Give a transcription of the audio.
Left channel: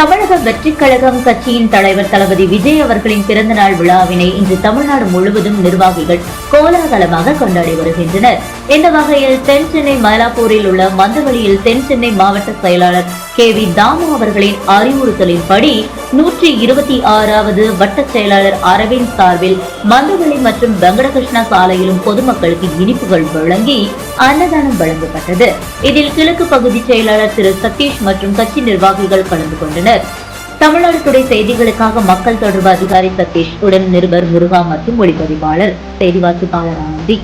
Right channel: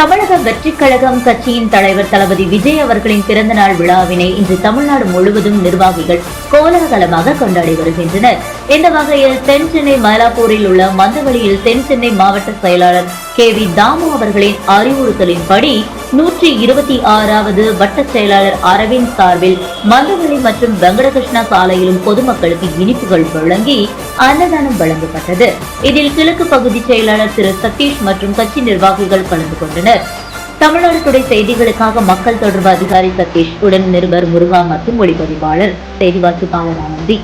தமிழக வெற்றிக் கழகம் கட்சியின் தலைவர் தளபதி விஜய் அவர்களின் பிறந்தநாள் விழாவினை இன்று தமிழ்நாடு முழுவதும் நிர்வாகிகள் கோலாகலமாக கொண்டாடி வருகின்றனர். இந்த வகையில் தென் சென்னை மயிலாப்பூரில் உள்ள மந்தவெளியில் தென் சென்னை மாவட்ட செயலாளர் KV தாமு அவர்களின் அறிவுறுத்தலின்படி 126வது வட்ட செயலாளர் அரவிந்த் சார்பில் மந்தவெளி மற்றும் வெங்கடகிருஷ்ணா சாலையிலும் பொதுமக்களுக்கு இனிப்புகள் வழங்கி அன்னதானம் வழங்கப்பட்டது. இதில் கிழக்கு பகுதி செயலாளர் திரு சதீஷ் மற்றும் கட்சி நிர்வாகிகள் கலந்து கொண்டனர். தமிழ்நாடு டுடே செய்திகளுக்காக மக்கள் தொடர்பு அதிகாரி சதீஷ் உடன் நிருபர் முருகா மற்றும் ஒளிப்பதிவாளர் செய்தி வாசிப்பாளர் ஆனந்தி.